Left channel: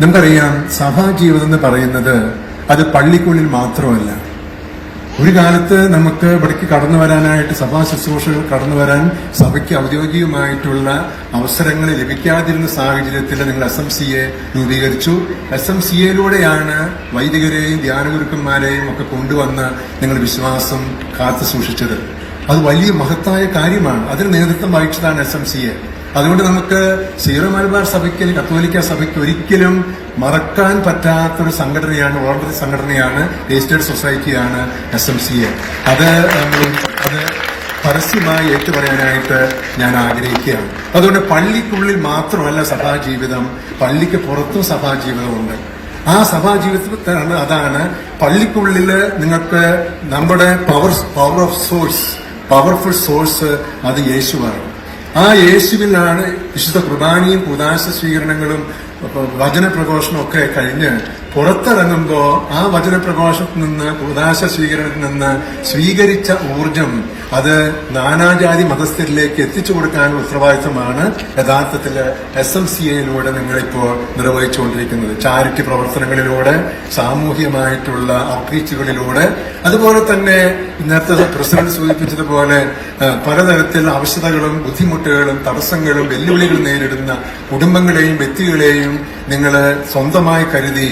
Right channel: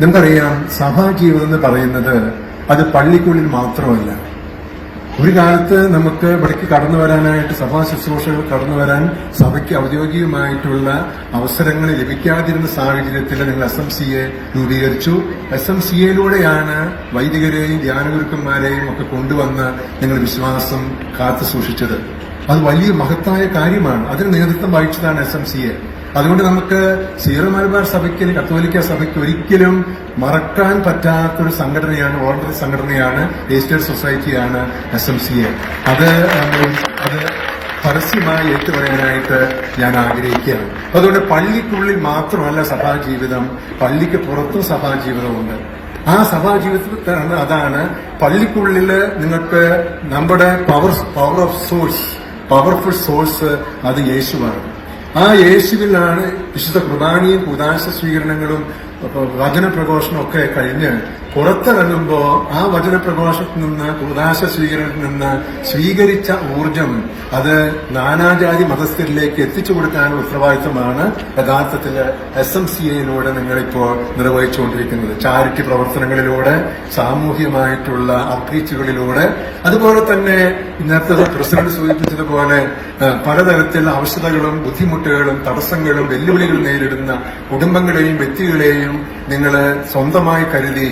നമുക്കറിയാം, സഭാജീവിതം എന്ന് പറയുന്നത് അത് പള്ളിക്കുള്ളിൽ മാത്രമല്ല. ഒരു കാലത്ത് നമുക്ക് ഇവിടേക്ക് കടന്നു വരാനായിട്ട്, സഭാ ശുശ്രൂഷകൾ കടന്നു വരാൻ സഭയ്ക്ക് ഔദ്യോഗികമായിട്ടുള്ള അവസരങ്ങൾ ലഭിക്കാതിരുന്ന സാഹചര്യത്തിൽ നിങ്ങൾ SMCA രൂപീകരിച്ചു. SMCAയിലൂടെയാണ് വൈദികരെയും ധ്യാനഗുരുക്കന്മാരെയും ഒക്കെ കൊണ്ടുവന്ന് നിങ്ങൾ വിശ്വാസം കാത്തു സൂക്ഷിച്ചത്. അത് വലിയ മഹത്തായ കാര്യമാണ്. അതിന് നേതൃത്വം വഹിച്ചതാണ് SMCA. അതുകൊണ്ട് നമുക്ക് സീറോ മലബാർ സഭയ്ക്ക്, കത്തോലിക്ക സഭയ്ക്ക് ഒരിക്കലും മറക്കാൻ പറ്റാത്തൊരു സംഘടനയാണ്, വോളണ്ടറി സംഘടനയാണ്, രജിസ്റ്റേർഡ് സൊസൈറ്റിയാണ് SMCA. അത് പരസ്യമായി ഏറ്റുപറയാനായിട്ട് ഞാൻ ആഗ്രഹിക്കുകയാണ്. അതുകൊണ്ട് പള്ളിക്കുള്ളിൽ മാത്രമല്ല സഭാജീവിതം, പള്ളിക്ക് പുറത്തും സഭാജീവിതമുണ്ട്. ആ സഭാജീവിതത്തിൽ അതാണ് പള്ളിക്കുള്ളിൽ നിങ്ങൾക്ക് നമ്മുടെ പവർഫുൾ സോഴ്സ് അത് യേശുവാണ്. ആ യേശുവിലാണ് വിശുദ്ധ കുർബാനയും കൂദാശ സ്വീകരണങ്ങളും വചനപ്രഘോഷണം ഒക്കെ കഴിഞ്ഞ് പുറത്തിറങ്ങുമ്പോൾ ആ വചനപ്രഘോഷത്തിൽ നിന്ന്, കൂദാശ സ്വീകരണത്തിൽ നിന്ന് സ്വീകരിച്ച ഊർജം അത് നാനാജാതി മതസ്ഥരിലേക്ക് എത്തിച്ചു കൊടുക്കാനുള്ള ഉത്തരവാദിത്വമാണ് യഥാർത്ഥത്തിൽ SMCAയിലൂടെ നിങ്ങളിപ്പോൾ നിർവഹിച്ചുകൊണ്ടിരിക്കുന്നത്. ചാരിറ്റി പ്രവർത്തനങ്ങളിലൂടെ, സാമൂഹികമായിട്ടുള്ള ഔട്ട്റീച്ചുകളിലൂടെ, അതുപോലെ തന്നെ നേരത്തെ പ്രസിഡന്റ് സൂചിപ്പിച്ചതുപോലെ പലതരത്തിൽ ആവശ്യതകളും ബുദ്ധിമുട്ടുകളും തടസ്സങ്ങളും വെല്ലുവിളികളും നേരിടുന്ന കുടുംബങ്ങളെയും വ്യക്തികളെയും നിങ്ങൾ സ്വന്തമായി കരുതി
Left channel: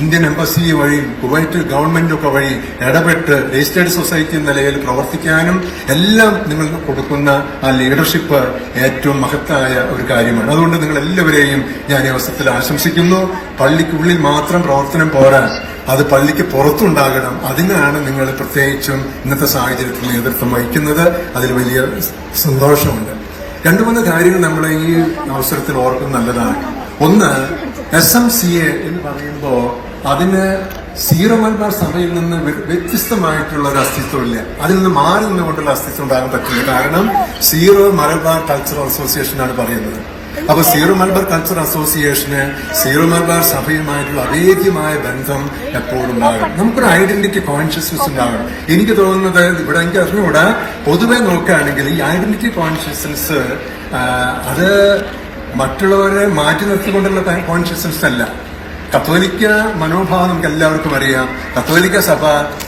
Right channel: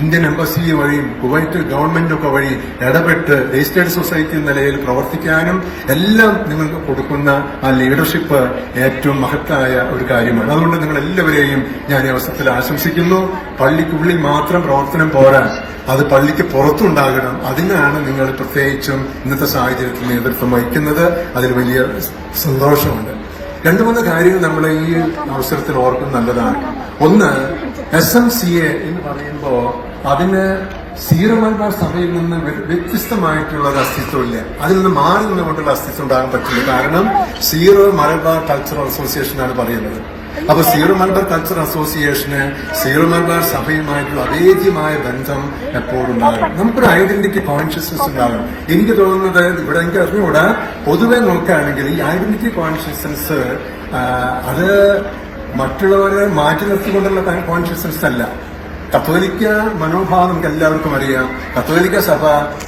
ഇന്ത്യൻ എംബസി വഴി, കുവൈറ്റ് ഗവൺമെന്റൊക്കെ വഴി ഇടപെട്ട് രജിസ്റ്റേർഡ് സൊസൈറ്റി നിലയിൽ പ്രവർത്തിക്കാനും എല്ലാം നിങ്ങൾക്ക് കൊടുക്കുന്ന ആ ലീഡർഷിപ്പ് ഏറ്റവും മഹത്തായ ഒരു കാര്യമാണ്. അതുകൊണ്ട് നിങ്ങൾ എല്ലാവരെയും ഞാൻ ഈ അവസരത്തിൽ ആശംസിക്കുന്നു. പള്ളിക്കുള്ളിൽ മാത്രം പ്രവർത്തനം പോരാ, അത് പള്ളിക്ക് പുറത്തുണ്ടാകണം. അതിനാണ് നിങ്ങൾ പ്രത്യേകിച്ചും ഇന്നത്തെ സാഹചര്യത്തിൽ നേതൃത്വം വഹിക്കുന്നത്. അതിൽ വലിയ സന്തോഷമുണ്ട്. 2-3 കാര്യങ്ങൾ നമ്മൾ ഈ അവസരത്തിൽ ഓർക്കുന്നത് നല്ലതാണ്. ഒന്ന്, SMCA എന്ന് പറയുമ്പോൾ അതിന് സീറോ മലബാർ സഭയിൽ നിന്ന് വ്യത്യസ്തമായിട്ടുള്ള ഒരു അസ്തിത്വമില്ല. അതിൽ നിന്ന് മാറി നിന്നുകൊണ്ടുള്ള അസ്തിത്വം ഉണ്ടാകാൻ പറ്റില്ല. കാരണം സീറോ മലബാർ കൾച്ചറൽ അസോസിയേഷൻ ആണ് പറയുന്നത്. അപ്പൊ സീറോ മലബാർ കൾച്ചറൽ അസോസിയേഷന് സീറോ മലബാർ സഭയുമായിട്ടുള്ള അഭേദ്യമായ ബന്ധം എപ്പോഴും ഉണ്ടാകണം. നമുക്കൊരു ഐഡന്റിറ്റി കോൺഷ്യസ്നസ് ഉണ്ടാകണം. എനിക്ക് തോന്നുന്നത് ഇവിടെ എനിക്ക് അറിഞ്ഞുകൂടാ, പൊതുവെ നോക്കുകയാണെങ്കിൽ ഈ ഐഡന്റിറ്റി കോൺഷ്യസ്നസ് അത് മറ്റുള്ളവരെ മാറ്റി നിർത്തിക്കൊണ്ടുള്ള കോൺഷ്യസ്നസ് അല്ല. കത്തോലിക്ക മനോഭാവം നമുക്ക് എല്ലാവർക്കും അറിയാം. കത്തോലിക്ക സഭ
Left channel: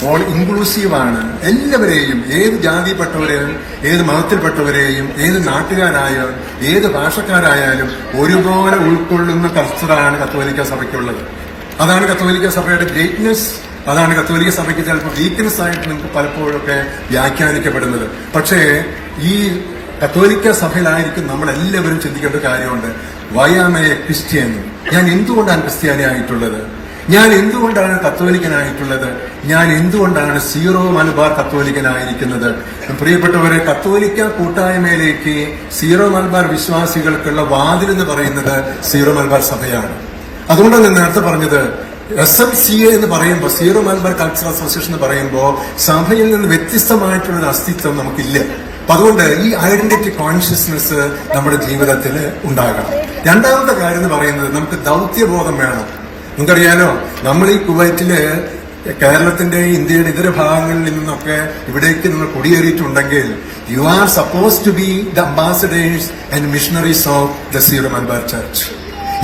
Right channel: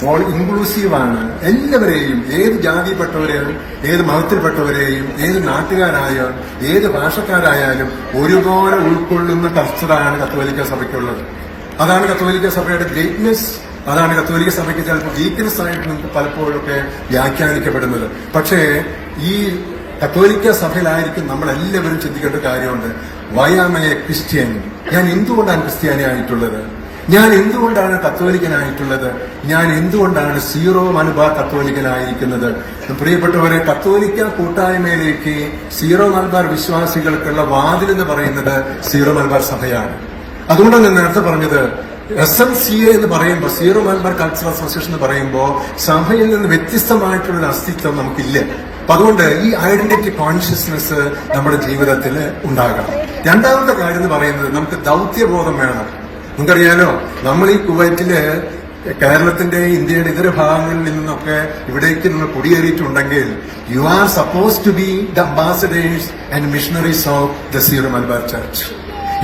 ഓൾ ഇൻക്ലൂസീവാണ്. എല്ലാവരെയും, ഏത് ജാതിയിൽപ്പെട്ടവരെയും, ഏത് മതത്തിൽപ്പെട്ടവരെയും, ഏത് നാട്ടുകാരായാലും, ഏത് ഭാഷക്കാരായാലും ഒരുപോലെ ഉൾക്കൊള്ളുന്ന കൾച്ചറാണ് കത്തോലിക്ക സഭയ്ക്കുള്ളത്. അതാണ് കത്തോലിക്ക സഭയുടെ ഗ്രേറ്റ്നെസ്. അതാണ് കത്തോലിക്ക സഭയ്ക്ക് ചിലപ്പോൾ വീക്ക്നെസ് ആയിട്ട് നമുക്ക് പലപ്പോഴൊക്കെ വ്യാഖ്യാനിക്കപ്പെടുന്നത്. പക്ഷേ ഈ കത്തോലിക്ക സഭയിലായിരിക്കും നമ്മളെല്ലാവരും ചിന്തിക്കേണ്ട കാര്യമുണ്ട്. Why am a Christian? ഞാൻ എന്തുകൊണ്ടാണ് ക്രിസ്ത്യാനിയായിട്ടുള്ളത്? ഞാൻ എന്തുകൊണ്ടാണ് കത്തോലിക്കനായിട്ടുള്ളത്? ഞാൻ എന്തുകൊണ്ടാണ് സീറോ മലബാർ കത്തോലിക്കനായിരിക്കുന്നത്? പ്രിയപ്പെട്ടവരെ, കത്തോലിക്ക കൂട്ടായ്മയിലേക്ക് സീറോ മലബാർ വിശ്വാസികൾക്കുള്ള വാതിൽ എന്ന് പറയുന്നത് സീറോ മലബാർ സഭയാണ്. അതുകൊണ്ടാണ് ഞാൻ നേരത്തെ പറഞ്ഞത്, SMCA എന്ന് പറയുമ്പോൾ, സീറോ മലബാർ കൾച്ചറൽ അസോസിയേഷൻ എന്ന് പറയുമ്പോൾ സഭയിൽ നിന്ന് വ്യത്യസ്തമായിട്ടുള്ള അസ്തിത്വം നമുക്കില്ല. അതുകൊണ്ട് ഈ ഐഡന്റിറ്റി കോൺഷ്യസ്നെസ് നമ്മുടെ ജീവിതത്തിൽ ഉണ്ടാകണം. രണ്ടാമത്തെ കാര്യം എന്ന് പറയുന്നത്, നമുക്ക് ദൗത്യബോധം വേണം. നിങ്ങൾക്കറിയാലോ, നമ്മൾ ഈ കുവൈറ്റില് കേരളത്തിന്റെ, ഇന്ത്യയുടെ ഇതര ഭാഗങ്ങളിൽ നിന്നൊക്കെ ഇവിടേക്ക് നിങ്ങൾ കുടിയേറിയിട്ടുണ്ടെങ്കിൽ you are suppose to be the ambassadors and missionaries of the Syro Malabar church.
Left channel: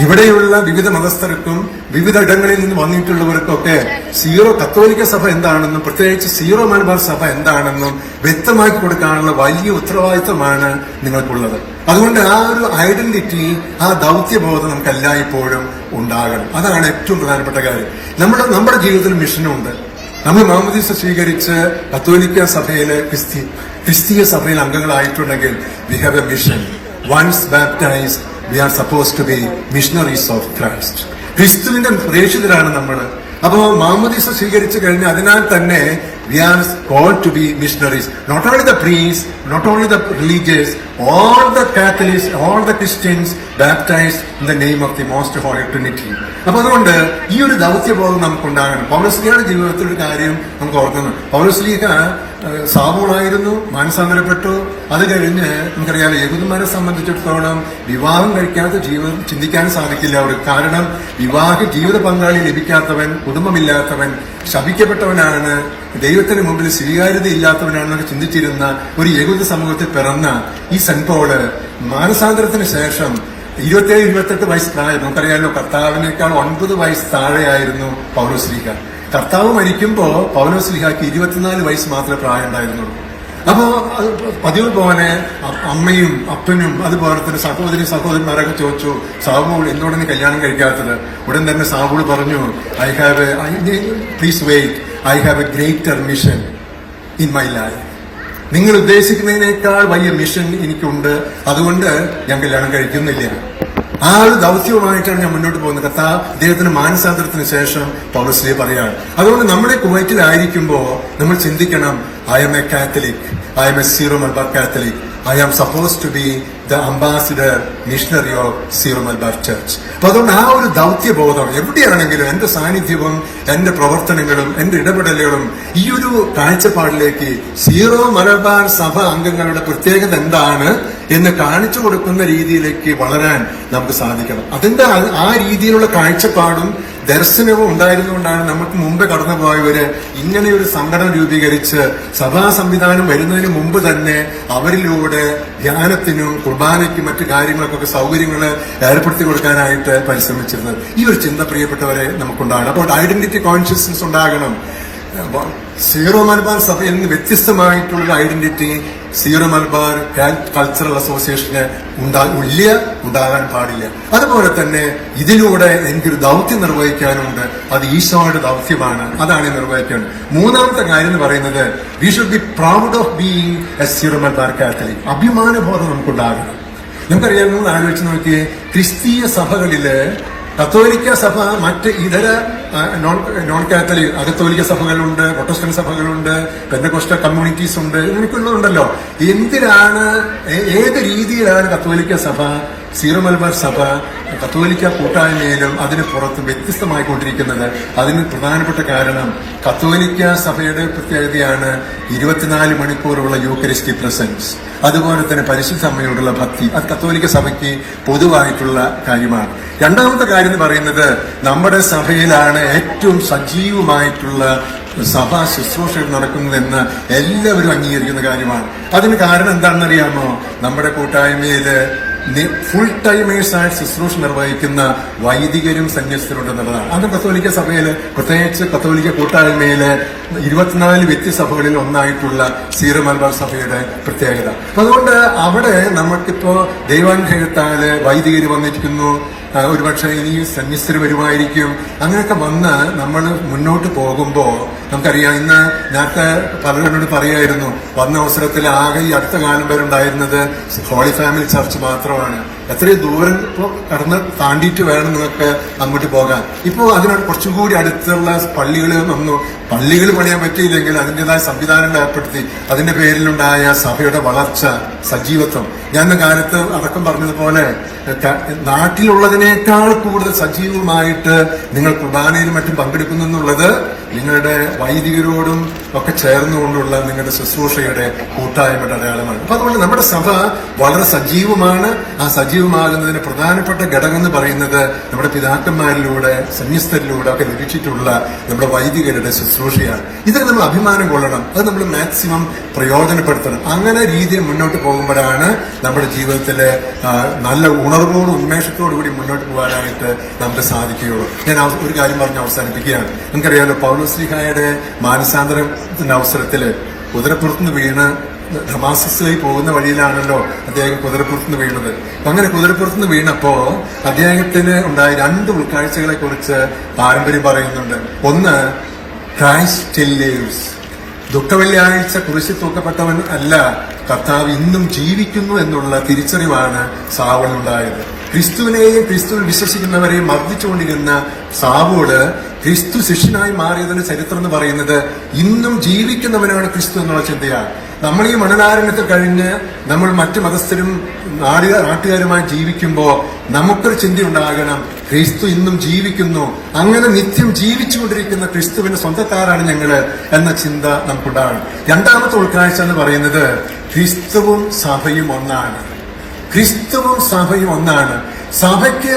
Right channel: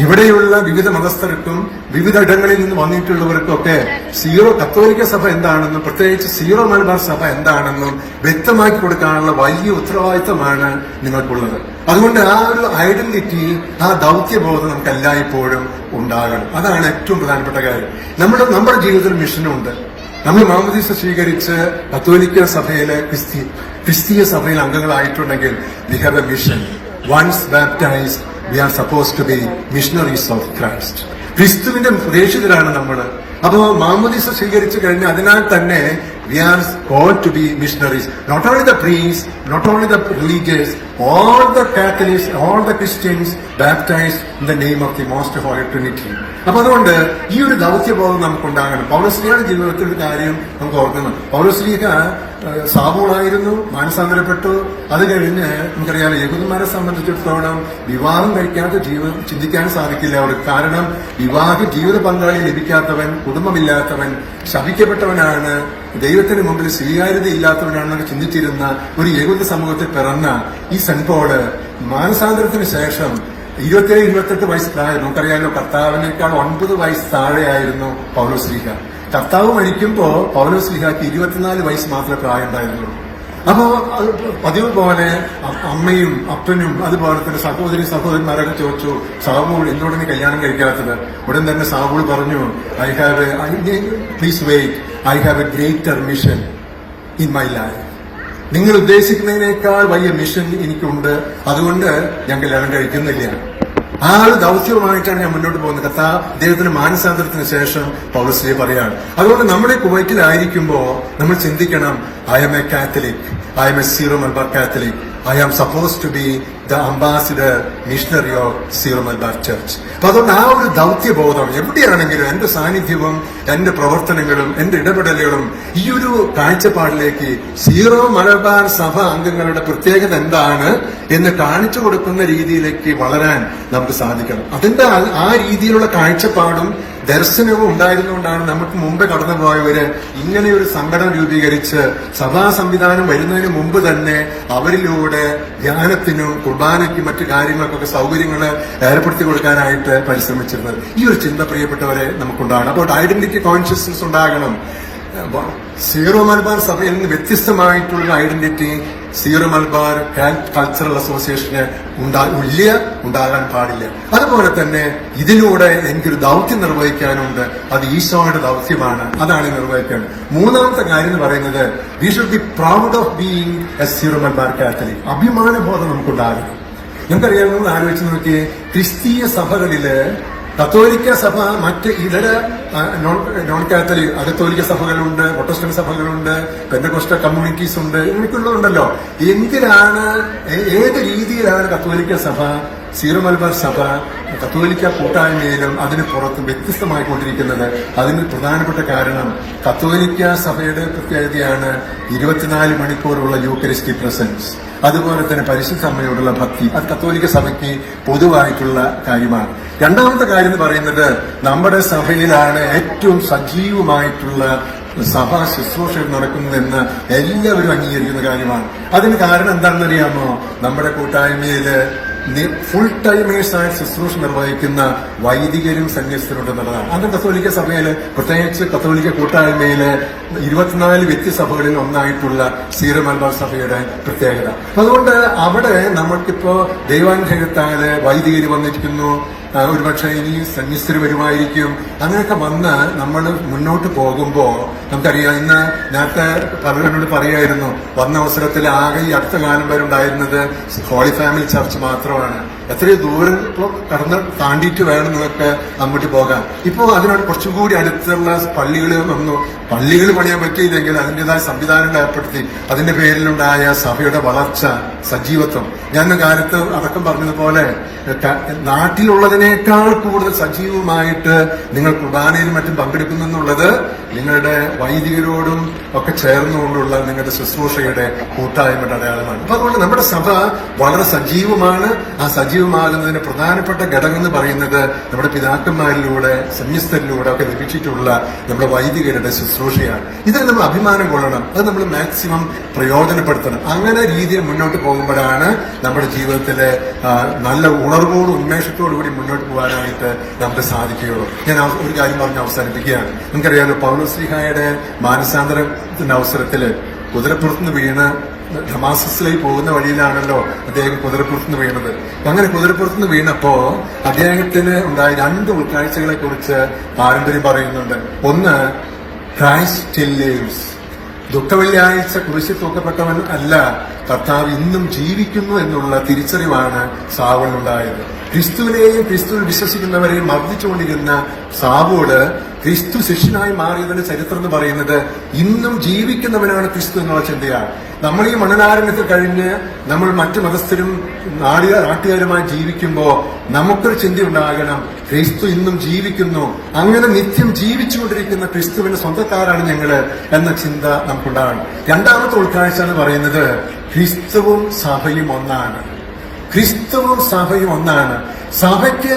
ഇവിടെയുള്ള വിവിധ മതസ്ഥർക്കും വിവിധ ഇടങ്ങളിൽ നിന്ന് വന്നിട്ടുള്ളവർക്കൊക്കെ സീറോ കത്തോലിക്ക സഭ എന്താണെന്നും പ്രത്യേകിച്ച് സീറോ മലബാർ സഭ എന്താണെന്നും വ്യക്തമാക്കി കൊടുക്കാനുള്ള വലിയ ഉത്തരവാദിത്തമാണ് നിങ്ങൾക്കുള്ളത്. അതുകൊണ്ട് ആ ഒരു ഐഡന്റിറ്റി, ആ ദൗത്യബോധം നമുക്ക് എല്ലായ്പ്പോഴും ഉണ്ടാകണം. അതാണ് ഏറ്റവും പ്രധാനപ്പെട്ട കാര്യം. നമ്മുടെ ജീവിതത്തിൽ മിഷനുണ്ട്. നമ്മൾ മാമോദീസ സ്വീകരിച്ച് കത്തോലിക്ക സഭയിലെ ക്രിസ്തീയ സഭയിലെ അംഗങ്ങളായിട്ടുണ്ടെങ്കിൽ we have a mission. Once baptized we are supposed to be missionaries of Christ. ക്രിസ്തുവിന്റെ പ്രേക്ഷിതരാണ് നമ്മൾ. അപ്പോൾ മാമോദീസ സ്വീകരിച്ചു കഴിഞ്ഞാൽ അതിനാൽ തന്നെ we are called to be missionaries. Not only the priests, not only the religious, all the Catholics, all the Christians baptized in the name of the Most Holy Trinity. അപ്പൊ അതുകൊണ്ട് ഈ ഒരു ദൗത്യബോധം നമുക്കുണ്ടാകണം. പൗലോസ്ലീഹയുടെ ജീവിതത്തിൽ ഒരു കാര്യം നമുക്ക് ഓർക്കുന്നു. പൗലോസ്ലീഹ സാവൂളായിരുന്നു, മാനസാന്തരപ്പെട്ടു. അത് കഴിഞ്ഞ് നമുക്കറിയാം, യഹൂദന്മാരെ സംബന്ധിച്ചിടത്തോളം വിവാഹം കഴിക്കാത്ത ജീവിതം ചിന്തിക്കാൻ സാധിക്കില്ല അവർക്ക്. കാരണം ജീവിത പങ്കാളി ലഭിക്കാത്തവൻ, കുടുംബമില്ലാത്തവൻ, ശപിക്കപ്പെട്ടവനാണ്, ദൈവത്തിന് മുമ്പിൽ സ്വീകാര്യത ഇല്ലാത്തവനാണെന്ന് ചിന്തിച്ചിരുന്ന ഒരു യഹൂദ സമൂഹത്തിൽ പിറന്ന ഈ സെന്റ് പോള് മാനസാന്തരത്തിന് ശേഷം 27-28 വയസ്സ് പ്രായം. നമുക്കറിയാമല്ലോ, കർത്താവിനേക്കാൾ 9 വയസ്സ് താഴെയായിരുന്നു പൗലോസ്ലീഹ. കർത്താവ് മരിക്കുമ്പോ പൗലോസ്ലീഹയ്ക്ക് 24 വയസ്സ് മാത്രമേ പ്രായം ഉണ്ടായിരുന്നുള്ളൂ. അപ്പോ പതിവ് പോലെ അമ്മയും അപ്പനും അതുപോലെ തന്നെ സഹോദരന്മാരൊക്കെ ചോദിച്ചു, സാവൂൾ എന്തുകൊണ്ടാണ് കല്യാണം കഴിക്കാത്തത്? ഉടൻ തന്നെ സാവൂൾ പറഞ്ഞു, please wait, I have a greater mission in my life. നിങ്ങൾ ഉദ്ദേശിക്കുന്നതിനേക്കാൾ വലിയ മിഷൻ എനിക്കുണ്ട്, അതുകൊണ്ട് ഞാൻ കല്യാണം കഴിക്കുന്നില്ല. ആ ഒരു ദൗത്യവുമായിട്ടാണ് ഞാൻ മുന്നോട്ട് പോകുന്നത്. അദ്ദേഹത്തിന് മാനസാന്തരത്തിന് ശേഷം പൗലോസ് പറയാണ്. അതുകൊണ്ട് നമ്മുടെ കുവൈറ്റിലായിരിക്കുമ്പോ നമ്മൾ ചിന്തിക്കണം, I M A Catholic, I M A Syro Malabar Catholic, I am supposed to be the ambassador, missionary of Syro Malabar Church. അപ്പൊ അതുകൊണ്ട് ആ ഒരു ദൗത്യബോധം എവിടെയാണെങ്കിലും എന്റെ സാന്നിധ്യവും എന്റെ പ്രവർത്തനങ്ങളും എന്റെ ഇടപെടലുകളും ഈ ഒരു കാഴ്ചപ്പാടിലേക്ക് സീറോ മലബാർ സഭ അംഗങ്ങളുടെ പ്രത്യേകത എന്താണ് എന്ന് കാണിച്ചു കൊടുക്കുന്ന രീതിയിലേക്ക് വളരാൻ നമുക്ക് സാധിക്കണം. അതിന്റെ ആ രീതിയിലുള്ള കാഴ്ചപ്പാടും ദർശനവും ഉണ്ടായിരുന്നുകൊണ്ടാണ് നമുക്ക് മുമ്പ് കടന്നുപോയവര് ഇങ്ങനെ ഒരു സംഘടന രൂപീകരിച്ച് സഭാ സംവിധാനം വരുന്നതിന് മുമ്പ് തന്നെ അവരിലൂടെ ധ്യാനത്തിനും കുർബാനയ്ക്കും മറ്റു കാര്യങ്ങൾക്കൊക്കെ സൗകര്യങ്ങൾ ഏർപ്പെടുത്തി കൊടുക്കാനായിട്ട് പരിശ്രമിച്ചത്. ഈ ഒരു ചിന്ത പ്രിയപ്പെട്ടവരെ നമുക്കുണ്ടാകണം. അപ്പോൾ ഐഡന്റിറ്റി കോൺഷ്യസ്നസ് ഉണ്ടാകണം. സീറോ മലബാർ സഭയിൽ നിന്ന് വ്യത്യസ്തമായിട്ടുള്ള ഐഡന്റിറ്റി സീറോ മലബാർ കൾച്ചറൽ അസോസിയേഷന് ഉണ്ടാകാൻ പാടില്ല. അതുപോലെ തന്നെ ഇതിലൂടെ എനിക്കൊരു ദൗത്യം നിർവഹിക്കാനുണ്ട്, അത് ഈശോയുടെ ദൗത്യമാണ്, അതാണ് നിർവഹിക്കേണ്ടത്. മൂന്നാമത്തെ കാര്യം എന്ന് പറയുന്നത്, we should be proud of being a Syro Malabar Catholic. അഭിമാനബോധം നമുക്കുണ്ടാകണം. നമുക്കറിയാമോ, ആലോചിച്ച് നോക്കിയേ, ക്രിസ്തീയ സഭകളില് കത്തോലിക്ക സഭ മറ്റ് ഇതര നോൺ കാത്തലിക് അകത്തോലിക്ക സഭകളുണ്ട്, പ്രൊട്ടസ്റ്റന്റ് സഭകളുണ്ട്, പെന്തക്കോസ്റ്റൽ കമ്മ്യൂണിറ്റീസ് ഉണ്ട്, ഇവർക്കുള്ളതുണ്ടല്ലോ. എന്തിനാണ്, ഏത് രീതിയിലാണ് കത്തോലിക്ക സഭ, സീറോ മലബാർ സഭ കത്തോലിക്ക കൂട്ടായ്മയിലും അതിന് പുറത്ത് വ്യത്യസ്തമായിക്കൊണ്ടിരിക്കുന്നത്? അതിന് പ്രധാനപ്പെട്ട കാരണം കത്തോലിക്ക സഭയുടെ പ്രത്യേകതയാണ് 24 മണിക്കൂറുള്ള യൂക്കറിസ്റ്റിക് പ്രസൻസ്, അതുപോലെ തന്നെ പരിശുദ്ധ അമ്മയോടുള്ള ഭക്തി. അത് കത്തോലിക്ക സഭയ്ക്ക് പൊതുവായിട്ടുള്ള കാര്യമാണ്. രണ്ടാമത്തെ കാര്യം എന്ന് പറയുന്നത്, നമ്മുടെ സഭയിലാണ് ഏറ്റവും സജീവമായിട്ടുള്ള സഭാ ശുശ്രൂഷകൾ നടക്കുന്നതെന്ന് എല്ലാവരും അംഗീകരിക്കുന്ന കാര്യമാണ്. അതിന് കാരണം എന്താണെന്ന് അറിയാമോ? നമ്മുടെ കൂട്ടായ്മയില് ഫുൾ ടൈമേഴ്സായിട്ട് ശുശ്രൂഷ നിർവഹിക്കുന്ന വൈദികരും സന്യസ്തരും എന്നുള്ളതാണ്. അത് കത്തോലിക്ക സഭയില്, പ്രത്യേകിച്ച് കത്തോലിക്ക കൂട്ടായ്മയില് 24 വ്യക്തിസഭകളിൽ ഒന്നായിട്ടുള്ള സീറോ മലബാർ സഭയുടെ പ്രത്യേകത. അതുകൊണ്ട് അവിടെ നമുക്കിപ്പോ ദൈവാനുഗ്രഹത്താല് വൈദികര് വന്നിരിക്കുന്നു, ഒരുപക്ഷെ ഇനി സന്യസ്തര് വരുമായിരിക്കും. അങ്ങനെയൊക്കെ വന്ന് നമ്മൾ മുന്നോട്ട് പോകുമ്പോ നമുക്കറിയാം, ഇന്ന് നേരത്തെ പലരോട് പറയായിരുന്നു, വന്ന അവസരത്തിൽ ആകെ ഈ അടുത്ത കാലം വരെ ഉണ്ടായിരുന്നത് ഹോളി ഫാമിലി ചർച്ച് മാത്രമാണ്. എത്രയോ ദൂരം കടന്ന് താണ്ടിയിട്ട് വേണം നിങ്ങൾക്ക് അങ്ങോട്ട് പോകാൻ. ഇപ്പോൾ അതിനോട് കുറച്ചുകൂടി അടുത്തുള്ള പള്ളികൾ വന്നു. പള്ളികൾ പണിയാൻ പറ്റിയില്ലെങ്കിൽ അതിൻ്റെതായ സംവിധാനങ്ങൾ ഏർപ്പെടുത്തി. അതിന്റെ പേരിലുണ്ടായ സഭയുടെ വളർച്ച, സജീവത്വം. ഞാൻ കാലത്ത് അടക്കം പറഞ്ഞതുപോലെ നാട്ടിലുള്ളതിനേക്കാൾ കൂടുതൽ സജീവമായിട്ട് നിങ്ങൾ കുർബാനയിലും മറ്റും പങ്കെടുക്കുന്നു എന്നുള്ളത് നിങ്ങളുടെ വൈദികരോടും ഒക്കെ ചേർന്നുകൊണ്ടുള്ള നിങ്ങളുടെ ശുശ്രൂഷയുടെ കൂട്ടായ്മയുടെ അടയാളമാണ്. അപ്പൊ അതുകൊണ്ട് നമ്മുടെ സഭ വളരെ സജീവമാണ്. ആ സജീവമാകുന്നതിന് പ്രധാനപ്പെട്ട ഘടകം എന്ന് പറയുന്നത് നമ്മുടെ പിതാക്കന്മാരിലൂടെ, സന്യസ്തരിലൂടെ ഒക്കെ ലഭിച്ചിട്ടുള്ള നമ്മുടെ വൈദികരുടെ ശുശ്രൂഷയാണ്. ഇത് നമ്മൾ അഭിമാനം കൊള്ളണം, അത് നമ്മൾ മാക്സിമം പ്രയോജനപ്പെടുത്തണം. അങ്ങനെ രീതിയിൽ മുന്നോട്ട് പോകുമ്പോഴാണ് നമ്മുടെ ജീവിതത്തില് നല്ല ഉണർവോടും ഉന്മേഷത്തോടു കൂടി മുന്നോട്ട് പോകാനായിട്ട് നമുക്ക് സാധിക്കുകയുള്ളൂ. ഞാൻ ഒരു കാര്യം പറഞ്ഞ് അവസാനിപ്പിക്കുകയാണ്. നിങ്ങൾക്കറിയാമല്ലോ, പൗലോസ്ലീഹായുടെ മാനസാന്തരത്തിന്റെ അവസരത്തില് കുതിരപ്പുറത്തുനിന്ന് വീണ് ഡമാസ്കസിലേക്ക് പോകുന്ന വഴിയിലാണല്ലോ അദ്ദേഹം കുതിരപ്പുറത്തുനിന്ന് വീണത്. അങ്ങനെ കുതിരപ്പുറത്തുനിന്ന് വീണപ്പോ അദ്ദേഹത്തിന് ഉണ്ടായ 2 ഉൾക്കാഴ്ചകളെ കുറിച്ച് പാരമ്പര്യം പറയുന്നുണ്ട്. ഒന്ന്, ക്രൈസ്റ്റ് സ്റ്റിൽ ലിവ്സ്. ദുഃഖവെള്ളിയാഴ്ച കുരിശിൽ തൂക്കപ്പെട്ടവൻ അല്ല, കർത്താവ് ഇന്നും ജീവിക്കുന്നു എന്നുള്ള തിരിച്ചറിവാണ് സാവൂളിനുണ്ടായത്. ക്രിസ്തുവിനെയും ക്രിസ്തുവിൽ വിശ്വസിക്കുന്നവരെയും മർദ്ദിച്ചുകൊണ്ടിരുന്ന സാവൂള് ക്രിസ്തു ശിഷ്യനായി മാറിയതിന്റെ ചരിത്രം എന്ന് പറയുന്നത് ഇന്നും ജീവിക്കുന്നവനാണ് ക്രിസ്തു എന്നുള്ള ചിന്തയാണ്. നമ്മൾ ഈ മണലാരണ്യത്തിൽ കഴിഞ്ഞ് നമ്മൾ മറ്റു മതസ്ഥരും നാട്ടുകാരുമായി ജീവിക്കുമ്പോൾ നമുക്കൊരു ചിന്ത ഉണ്ടാകണം, ക്രിസ്തു ഇന്നും ജീവിക്കുന്നു, അങ്ങനെ നിത്യം ജീവിച്ചുകൊണ്ടിരിക്കുന്ന ക്രിസ്തുവിന് സ്വന്തക്കാരാണ് ഞങ്ങള് എന്ന ചിന്ത നമുക്കുണ്ടാകണം. രണ്ടാമത്തെ ഉൾക്കാഴ്ച എന്ന് പറയുന്നത്, ക്രിസ്തുവും സഭയും ഒന്നാണ്. ക്രിസ്തുവും സഭയും ഒന്നാണ്. സഭയ്ക്ക്